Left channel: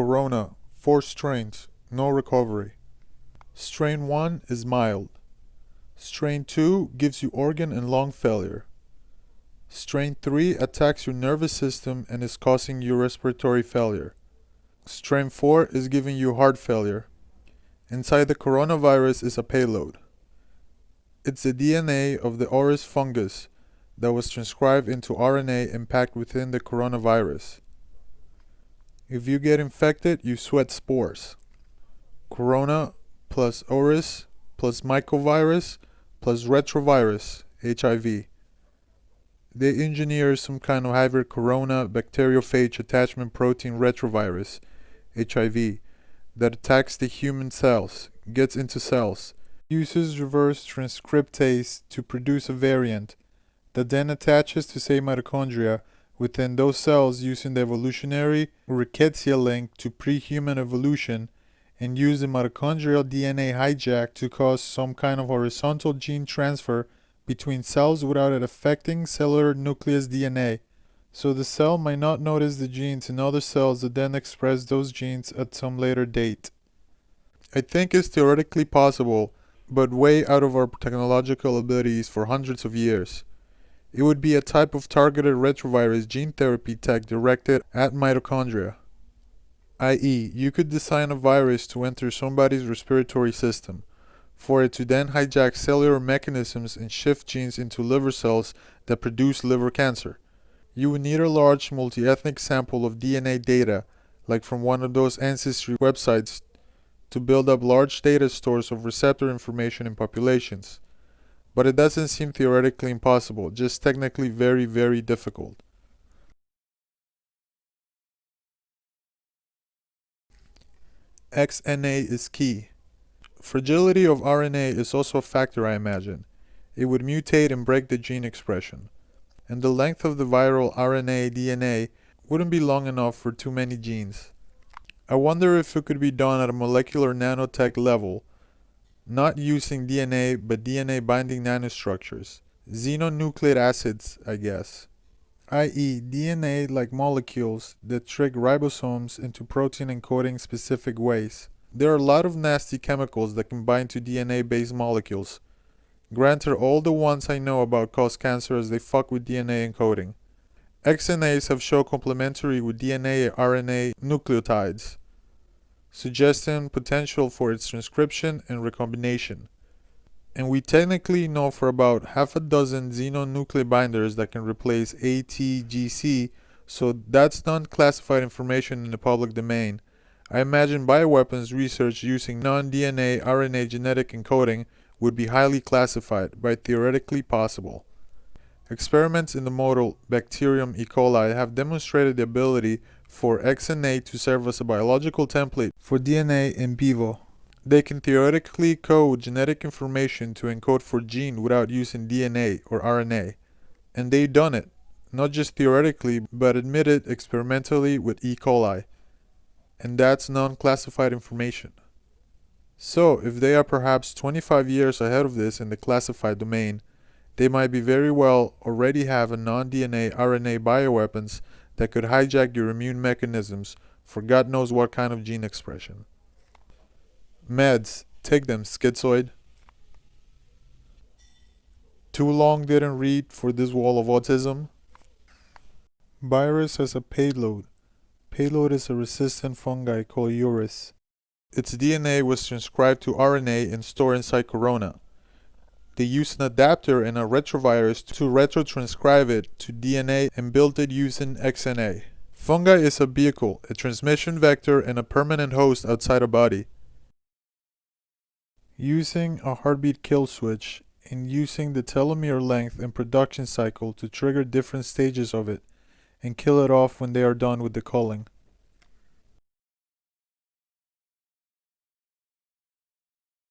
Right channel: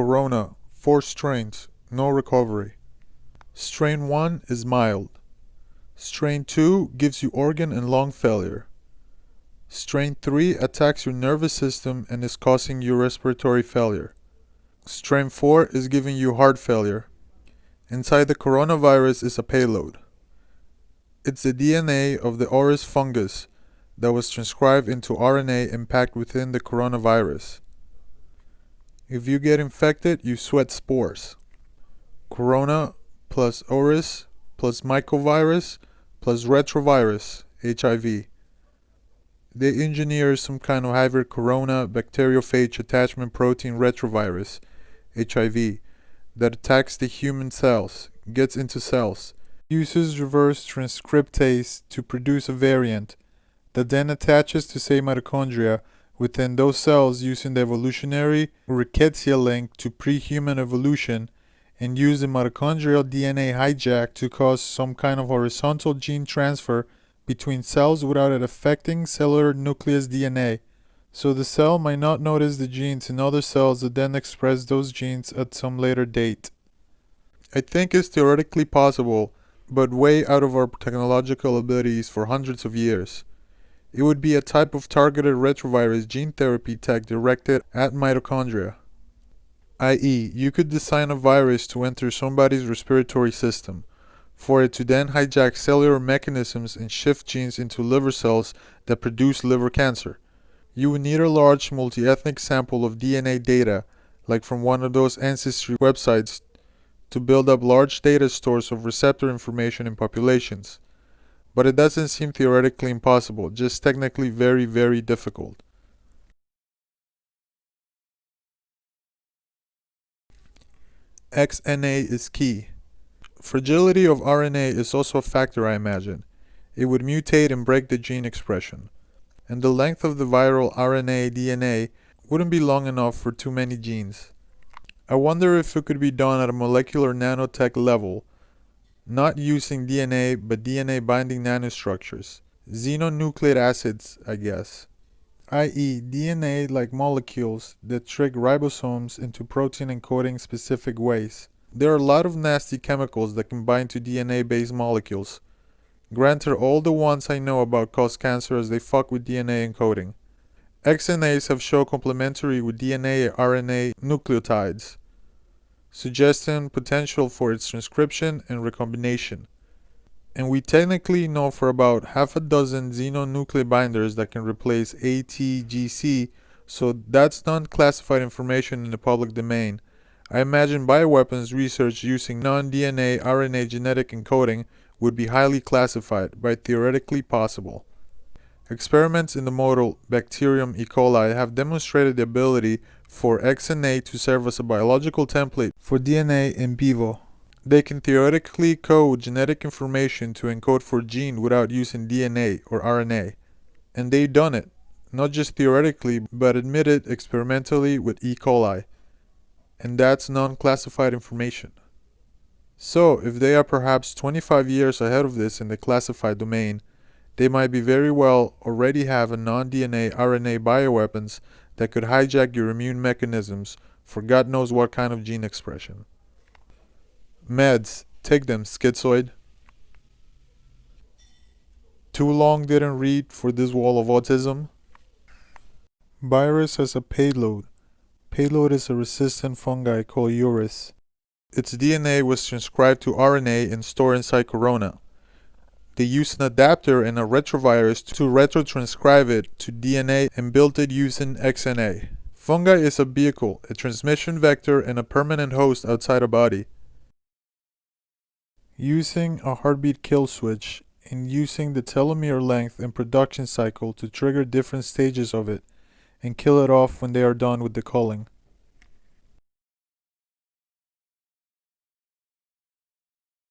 Corona, 4 strains, no recovery. Strain 1 is mild. Strain 2 gives you organ and lung failure. Strain 3 attacks your nervous system and is causing you respiratory failure. Strain 4 is giving you heart failure. Inside the coronavirus is a payload. It's the DNA of the auris fungus that was transcribed into RNA and packed within the coronavirus. If you get infected, you sweat spores. Corona plus auris plus mycovirus plus retrovirus, HIV. They engineer some kind of hybrid corona bacteriophage attachment protein retrovirus, HIV, that attacks the human cells, gets into cells, uses reverse transcriptase to produce a variant that then attaches to, say, mitochondria within those cells, using the evolutionary rickettsia link to pre-human evolution, and use the mitochondrial DNA hijack to cause some kind of horizontal gene transfer between cells without it affecting cellular nucleus DNA. So the cell might not notice the genes in other cells that then express those genes at some later date. I think it's theoretically possible, but way out of our technological abilities for hundreds of years. It would be a type of targeted retrovirus gene therapy tech directed at mitochondria. I.e., you could design a virus to enter somebody's respiratory system, for it to then hijack cellular mechanisms and shift genes into liver cells that produce liver cancer. You would need a large multi-ethnic sample of DNA data, like from one of those ancestry websites, to build up large data stores of receptor information in populations. But it doesn't seem theoretically impossible, just technically very, very difficult. XNA is key. Fragility of RNA is also a factor, I imagine. It would mutate and break the gene expression. And the length of the viral RNA DNA wouldn't be long enough for too many genes. I wonder if it could be done at a molecular nanotech level, not using DNA but DNA binding nanostructures. Xenonucleic acids, I guess. I.e., DNA-like molecules that trick ribosomes into protein encoding specific ways. There are a lot of nasty chemicals that can bind to DNA-based molecules. Granted, all the ones I know about cause cancer as they fuck with DNA encoding. XNAs have shown complementary with DNA and RNA nucleotides, suggesting potential for its transcription and recombination. And we technically know for about half a dozen xenonuclear binders that can replace ATGC, so that's non-classified information in the public domain. I imagine bioweapons research using non-DNA RNA genetic encoding would be highly classified, but theoretically possible. Experiments in the model Bacterium E. coli have demonstrated the ability for XNA to serve as a biological template for DNA in vivo. They can theoretically code genetic information to encode for gene without using DNA or RNA. And they've done it, not just theoretically, but admitted experimentally with E. coli. And that's non-classified information. So, if they are perhaps 25 years ahead of this in the classified domain, they might be very well already have a non-DNA RNA bioweapons that could hijack your immune mechanisms for God knows what kind of gene expression. Meds, take them, schizoid. Too long didn't read for this wall of autism. Virus has a payload. Payload is a resistant fungi called auris. Its DNA was transcribed to RNA and stored inside corona. They used an adapter and a retrovirus to retrotranscribe it to DNA and built it using XNA. Fungi is a vehicle, a transmission vector, and a permanent host outside a body. Using a heartbeat kill switch and using the telomere length and production cycle to trigger different stages of it and kill it off when they are done with the culling.